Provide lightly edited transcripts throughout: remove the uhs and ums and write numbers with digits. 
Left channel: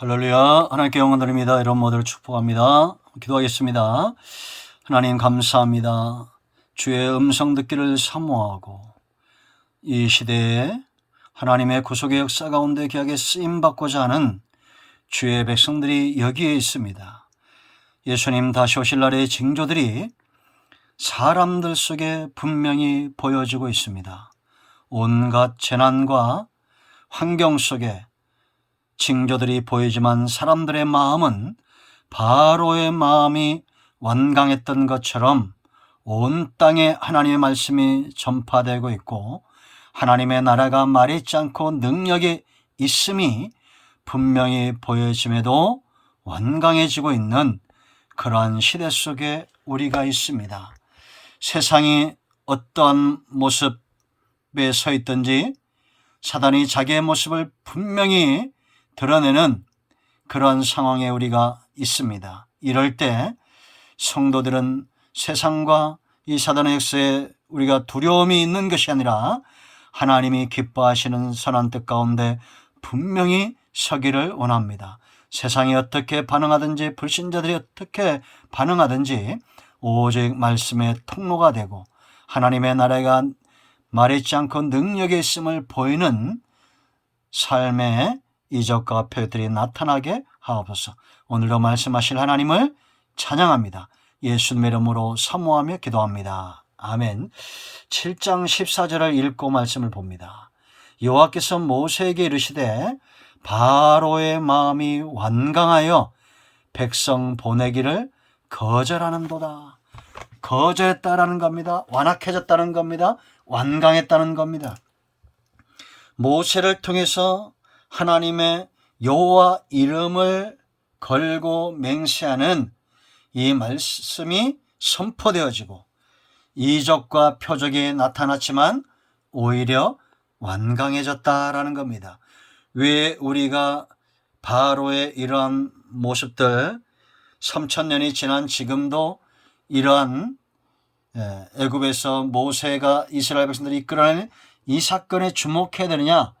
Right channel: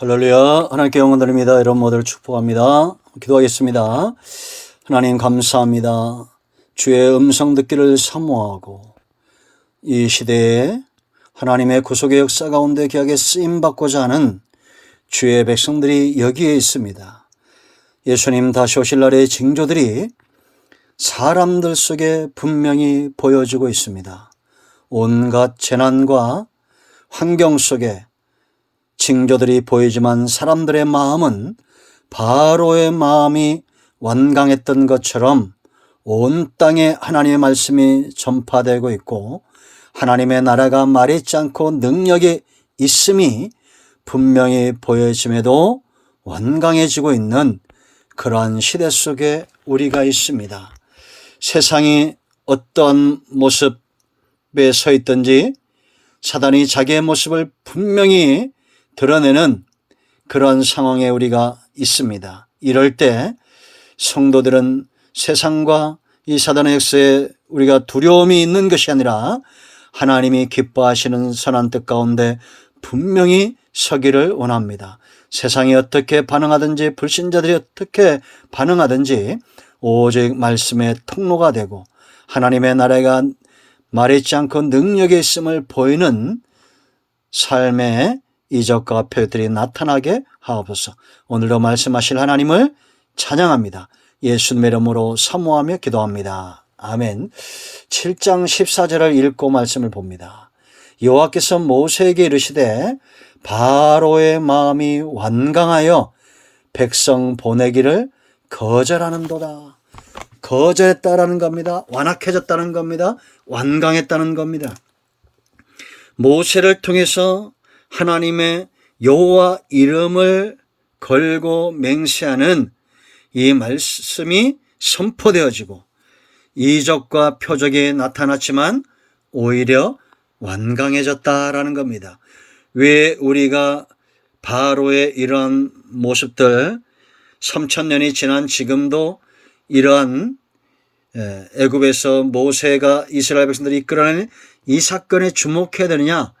할렐루야. 하나님께 영광 드립니다. 여러분 모두를 축복합니다. 기도하겠습니다. 하나님 감사합니다. 주의 음성 듣기를 사모하고 이 시대에 하나님의 구속의 역사 가운데 귀하게 쓰임받고자 하는 주의 백성들이 여기에 있습니다. 예수님 다시 오실 날의 징조들이 사람들 속에 분명히 보여지고 있습니다. 온갖 재난과 환경 속에 징조들이 보이지만 사람들의 마음은 바로의 마음이 완강했던 것처럼 온 땅에 하나님의 말씀이 전파되고 있고 하나님의 나라가 말있지 않고 능력이 있음이 분명히 보여짐에도 완강해지고 있는 그러한 시대 속에 우리가 있습니다. 세상이 어떠한 모습에 서 있든지 사단이 자기의 모습을 분명히 드러내는 그런 상황에 우리가 있습니다. 이럴 때 성도들은 세상과 이 사단의 역사에 우리가 두려움이 있는 것이 아니라 하나님이 기뻐하시는 선한 뜻 가운데 분명히 서기를 원합니다. 세상이 어떻게 반응하든지 불신자들이 어떻게 반응하든지 오직 말씀의 통로가 되고 하나님의 나라가 말있지 않고 능력이 있음을 보이는 삶의 이적과 표들이 나타나게 하옵소서. 오늘도 말씀하실 하나님을 찬양합니다. 예수님의 이름으로 사모하며 기도합니다. 아멘. 7장 14절을 읽고 말씀을 봅니다. 여호와께서 모세에게 이르시되 바로의 마음이 완강하여 백성 보내기를 거절하는도다. 거절했다라는 겁니다. 완악해졌다는 겁니다. 완강했다는 겁니다. 모세를 통해서 하나님의 여호와 이름을 걸고 맹세하는 이 말씀이 선포되어지고 이적과 표적이 나타났지만 오히려 완강해졌다라는 겁니다. 왜 우리가 바로의 이러한 모습들 3000년이 지난 지금도 이러한 애굽에서 모세가 이스라엘 백성들을 이끌어내는 이 사건에 주목해야 되느냐?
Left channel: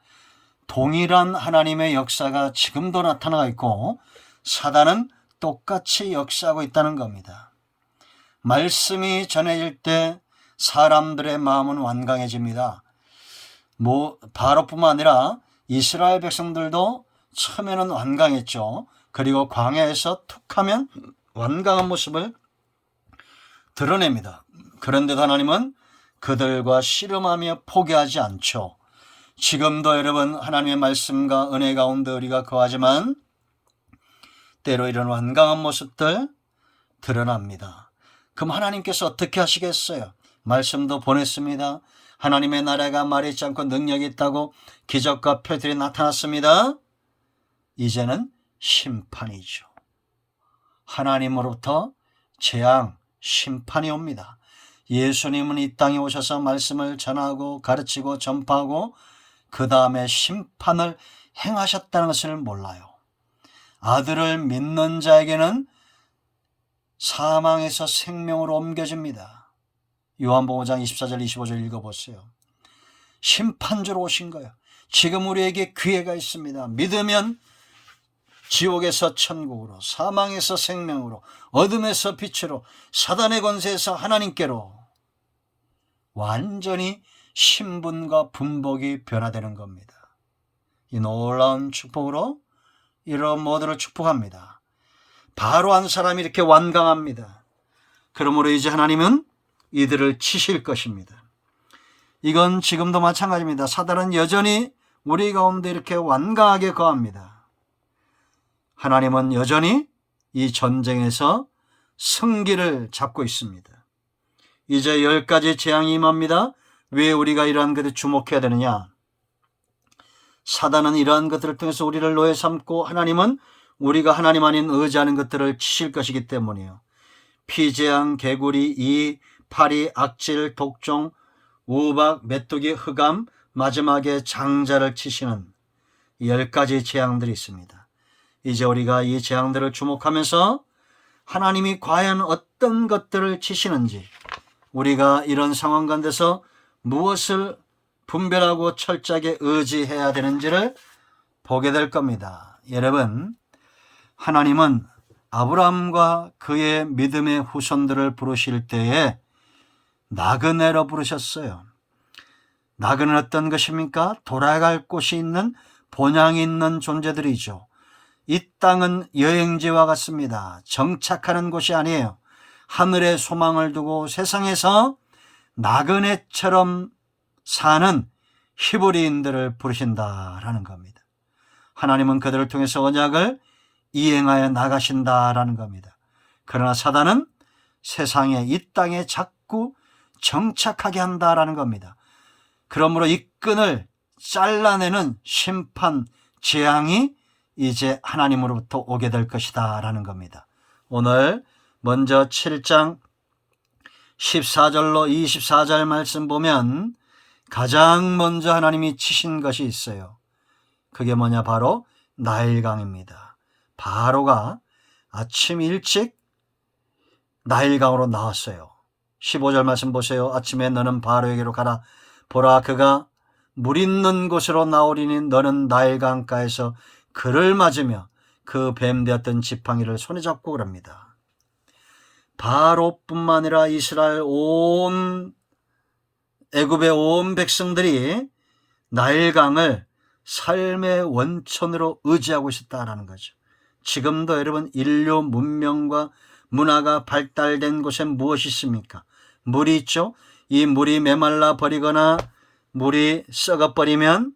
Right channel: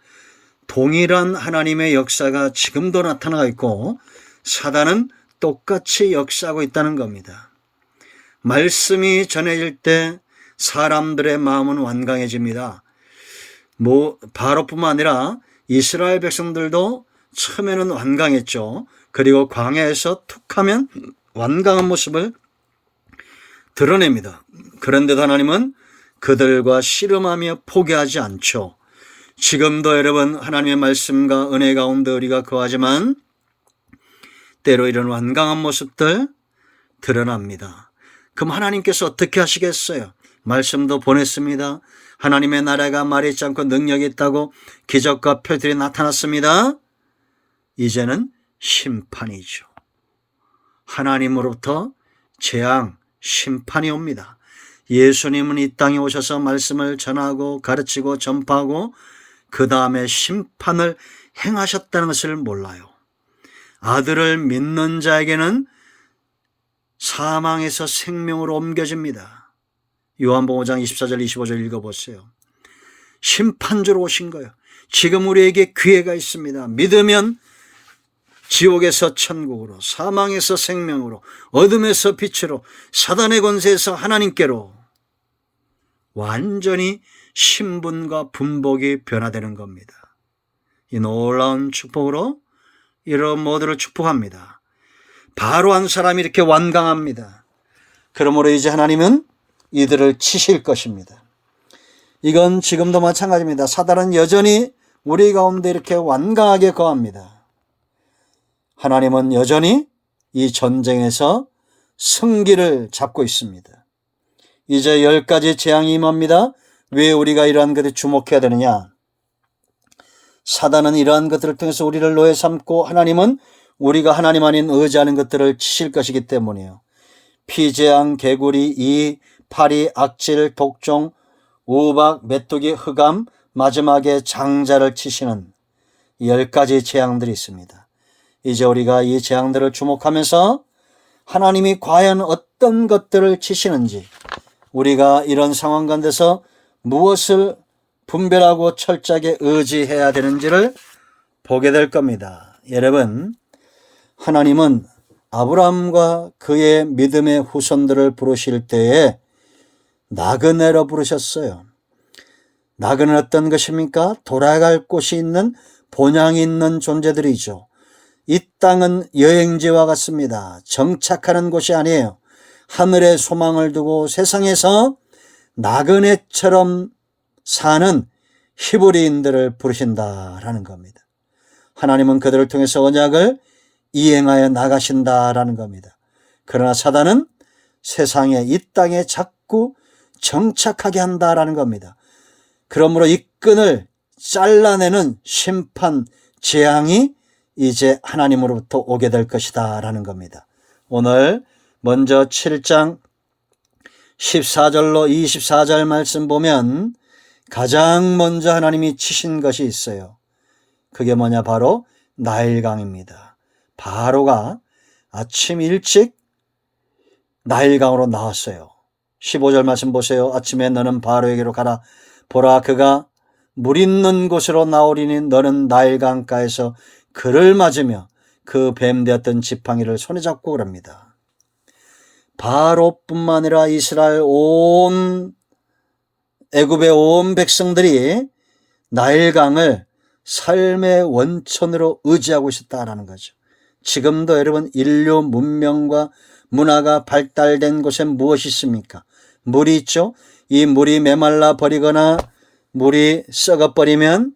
동일한 하나님의 역사가 지금도 나타나고 있고 사단은 똑같이 역사하고 있다는 겁니다. 말씀이 전해질 때 사람들의 마음은 완강해집니다. 바로뿐만 아니라 이스라엘 백성들도 처음에는 완강했죠. 그리고 광야에서 툭하면 완강한 모습을 드러냅니다. 그런데도 하나님은 그들과 씨름하며 포기하지 않죠. 지금도 여러분 하나님의 말씀과 은혜 가운데 우리가 거하지만 때로 이런 완강한 모습들 드러납니다. 그럼 하나님께서 어떻게 하시겠어요? 말씀도 보냈습니다. 하나님의 나라가 말있지 않고 능력이 있다고 기적과 표들이 나타났습니다. 이제는 심판이죠. 하나님으로부터 재앙, 심판이 옵니다. 예수님은 이 땅에 오셔서 말씀을 전하고 가르치고 전파하고 그 다음에 심판을 행하셨다는 것을 몰라요. 아들을 믿는 자에게는 사망에서 생명으로 옮겨집니다. 요한복음 5장 24절 25절 읽어보세요. 심판주로 오신 거예요. 지금 우리에게 기회가 있습니다. 믿으면 지옥에서 천국으로, 사망에서 생명으로, 어둠에서 빛으로, 사단의 권세에서 하나님께로 완전히 신분과 분복이 변화되는 겁니다. 이 놀라운 축복으로 이런 모두를 축복합니다. 바로 한 사람이 이렇게 완강합니다. 그러므로 이제 하나님은 이들을 치실 것입니다. 이건 지금도 마찬가지입니다. 사단은 여전히 우리 가운데 이렇게 완강하게 거합니다. 하나님은 여전히 이 전쟁에서 승기를 잡고 있습니다. 이제 10가지 재앙이 임합니다. 왜 우리가 이러한 것에 주목해야 되느냐? 사단은 이러한 것들을 통해서 우리를 노예 삼고 하나님은 우리가 하나님 아닌 의지하는 것들을 치실 것이기 때문이에요. 피재앙, 개구리, 이, 파리, 악질, 독종, 우박, 메뚜기, 흑암, 마지막에 장자를 치시는 10가지 재앙들이 있습니다. 이제 우리가 이 재앙들을 주목하면서 하나님이 과연 어떤 것들을 치시는지 우리가 이런 상황 가운데서 무엇을 분별하고 철저하게 의지해야 되는지를 보게 될 겁니다. 여러분, 하나님은 아브라함과 그의 믿음의 후손들을 부르실 때에 나그네로 부르셨어요. 나그네는 어떤 것입니까? 돌아갈 곳이 있는, 본향이 있는 존재들이죠. 이 땅은 여행지와 같습니다. 정착하는 곳이 아니에요. 하늘에 소망을 두고 세상에서 나그네처럼 사는 히브리인들을 부르신다라는 겁니다. 하나님은 그들을 통해서 언약을 이행하여 나가신다라는 겁니다. 그러나 사단은 세상에, 이 땅에 자꾸 정착하게 한다라는 겁니다. 그러므로 이 끈을 잘라내는 심판, 재앙이 이제 하나님으로부터 오게 될 것이다 라는 겁니다. 오늘 먼저 7장 14절로 24절 말씀 보면 가장 먼저 하나님이 치신 것이 있어요. 그게 뭐냐? 바로 나일강입니다. 바로가 아침 일찍 나일강으로 나왔어요. 15절 말씀 보세요. 아침에 너는 바로에게로 가라. 보라, 그가 물 있는 곳으로 나오리니 너는 나일강가에서 그를 맞으며 그 뱀되었던 지팡이를 손에 잡고 그럽니다. 바로뿐만 아니라 이스라엘 온 애굽의 온 백성들이 나일강을 삶의 원천으로 의지하고 있었다라는 거죠. 지금도 여러분 인류 문명과 문화가 발달된 곳에 무엇이 있습니까? 물이 있죠. 이 물이 메말라 버리거나 물이 썩어버리면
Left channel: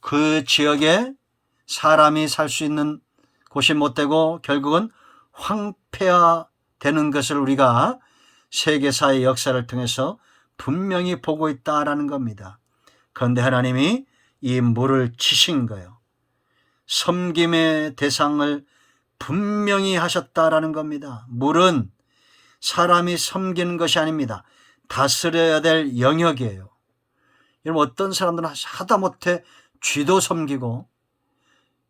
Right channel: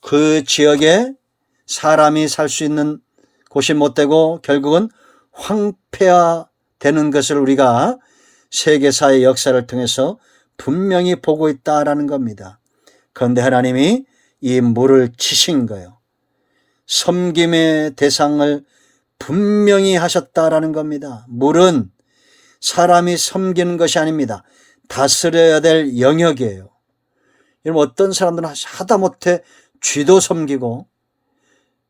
그 지역에 사람이 살 수 있는 곳이 못 되고 결국은 황폐화되는 것을 우리가 세계사의 역사를 통해서 분명히 보고 있다라는 겁니다. 그런데 하나님이 이 물을 치신 거예요. 섬김의 대상을 분명히 하셨다라는 겁니다. 물은 사람이 섬기는 것이 아닙니다. 다스려야 될 영역이에요. 여러분, 어떤 사람들은 하다못해 쥐도 섬기고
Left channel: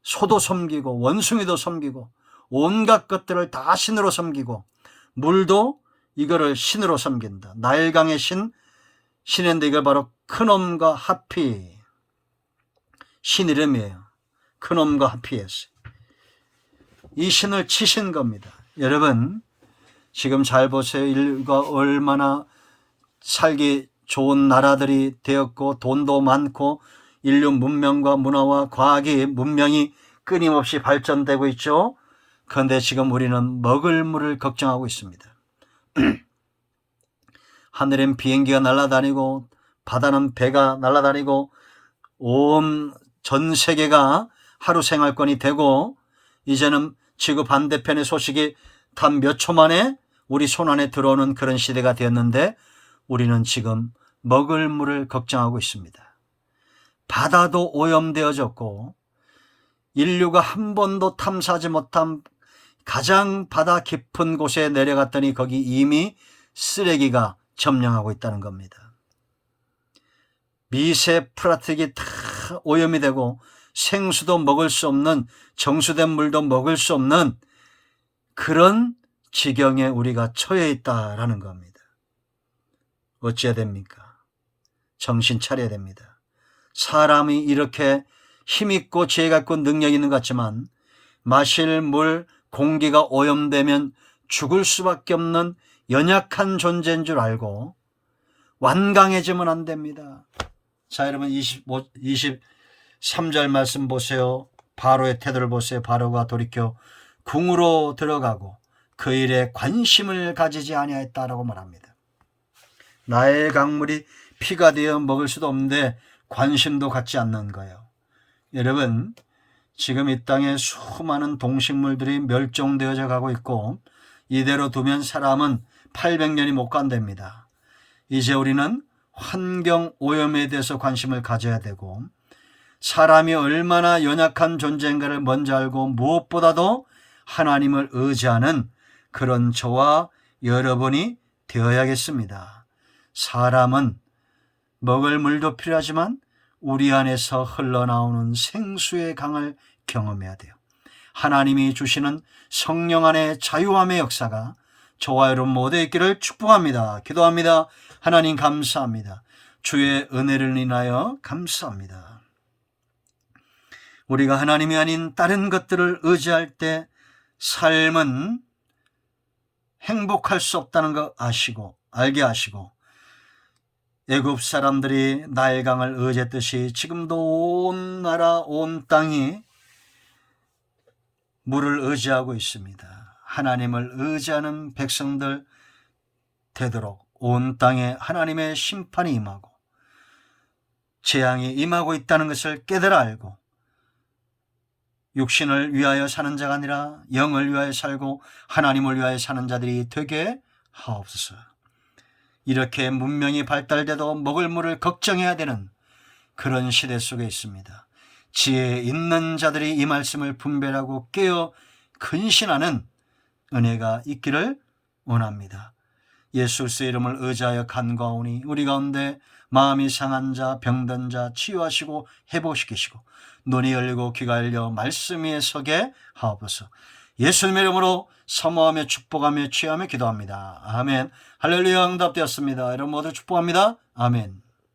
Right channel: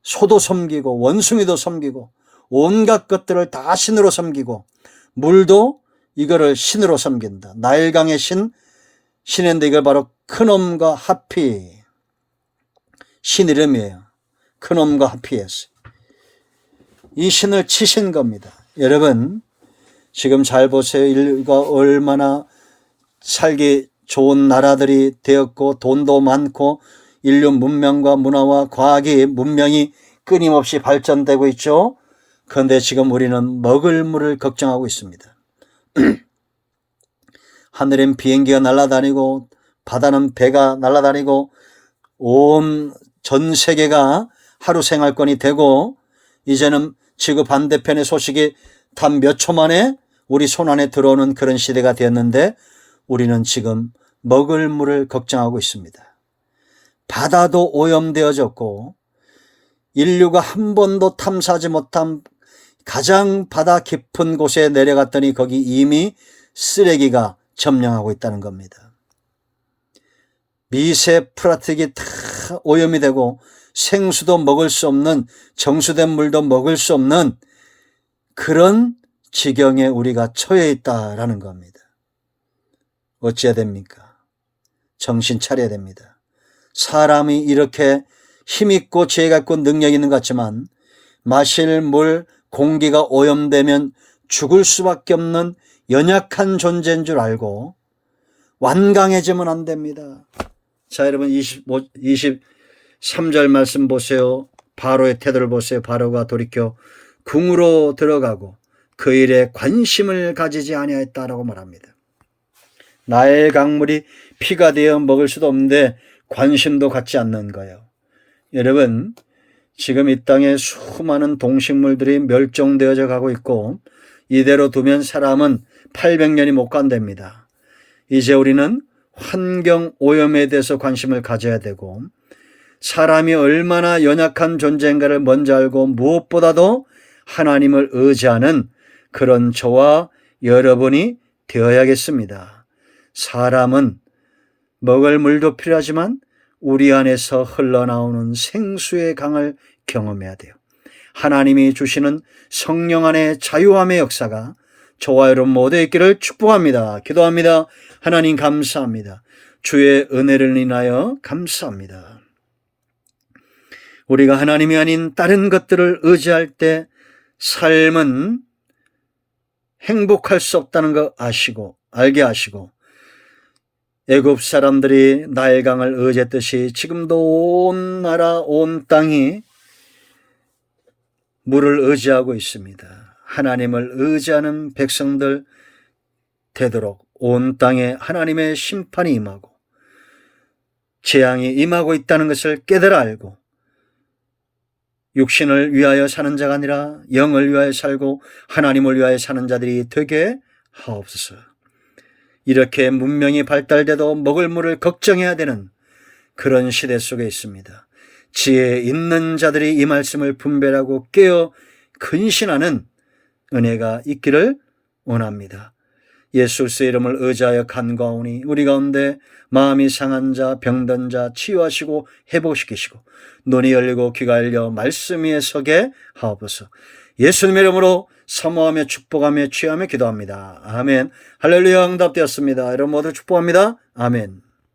소도 섬기고 원숭이도 섬기고 온갖 것들을 다 신으로 섬기고 물도 이거를 신으로 섬긴다. 나일강의 신인데 이걸 바로 크놈과 하피, 신 이름이에요. 크놈과 하피였어요. 이 신을 치신 겁니다. 여러분, 지금 잘 보세요. 인류가 얼마나 살기 좋은 나라들이 되었고 돈도 많고 인류 문명과 문화와 과학이 문명이 끊임없이 발전되고 있죠. 그런데 지금 우리는 먹을 물을 걱정하고 있습니다. 하늘엔 비행기가 날아다니고 바다는 배가 날아다니고 온 전 세계가 하루 생활권이 되고 이제는 지구 반대편의 소식이 단 몇 초 만에 우리 손안에 들어오는 그런 시대가 되었는데 우리는 지금 먹을 물을 걱정하고 있습니다. 바다도 오염되어졌고 인류가 한 번도 탐사하지 못한 가장 바다 깊은 곳에 내려갔더니 거기 이미 쓰레기가 점령하고 있다는 겁니다. 미세 플라스틱이 다 오염이 되고 생수도 먹을 수 없는, 정수된 물도 먹을 수 없는 그런 지경에 우리가 처해 있다라는 겁니다. 어찌해야 됩니까? 정신 차려야 됩니다. 사람이 이렇게 힘있고 지혜가 있고 능력이 있는 것 같지만 마실 물, 공기가 오염되면 죽을 수밖에 없는 연약한 존재인 줄 알고 완강해지면 안 됩니다. 자, 여러분 23절 말씀 보세요. 바로의 태도를 보세요. 바로가 돌이켜 궁으로 들어가고 그 일에 관심을 가지지 아니하였다라고 말합니다. 나의 강물이 피가 되어 먹을 수도 없는데 관심도 갖지 않는 거예요. 여러분, 지금 이 땅에 수많은 동식물들이 멸종되어져 가고 있고 이대로 두면 사람은 800년이 못 간답니다. 이제 우리는 환경 오염에 대해서 관심을 가져야 되고 사람이 얼마나 연약한 존재인가를 먼저 알고 무엇보다도 하나님을 의지하는 그런 저와 여러분이 되어야겠습니다. 사람은 먹을 물도 필요하지만 우리 안에서 흘러나오는 생수의 강을 경험해야 돼요. 하나님이 주시는 성령 안의 자유함의 역사가 저와 여러분 모두에 있기를 축복합니다. 기도합니다. 하나님 감사합니다. 주의 은혜를 인하여 감사합니다. 우리가 하나님이 아닌 다른 것들을 의지할 때 삶은 행복할 수 없다는 거 알게 하시고, 애굽 사람들이 나일강을 의지했듯이 지금도 온 나라 온 땅이 물을 의지하고 있습니다. 하나님을 의지하는 백성들 되도록 온 땅에 하나님의 심판이 임하고 재앙이 임하고 있다는 것을 깨달아 알고, 육신을 위하여 사는 자가 아니라 영을 위하여 살고 하나님을 위하여 사는 자들이 되게 하옵소서. 이렇게 문명이 발달돼도 먹을 물을 걱정해야 되는 그런 시대 속에 있습니다. 지혜 있는 자들이 이 말씀을 분별하고 깨어 근신하는 은혜가 있기를 원합니다. 예수 그리스도의 이름을 의지하여 간구하오니 우리 가운데 마음이 상한 자, 병든 자 치유하시고 회복시키시고 눈이 열리고 귀가 열려 말씀 위에 서게 하옵소서. 예수님의 이름으로 사모하며 축복하며 취하며 기도합니다. 아멘. 할렐루야. 응답되었습니다. 여러분 모두 축복합니다. 아멘.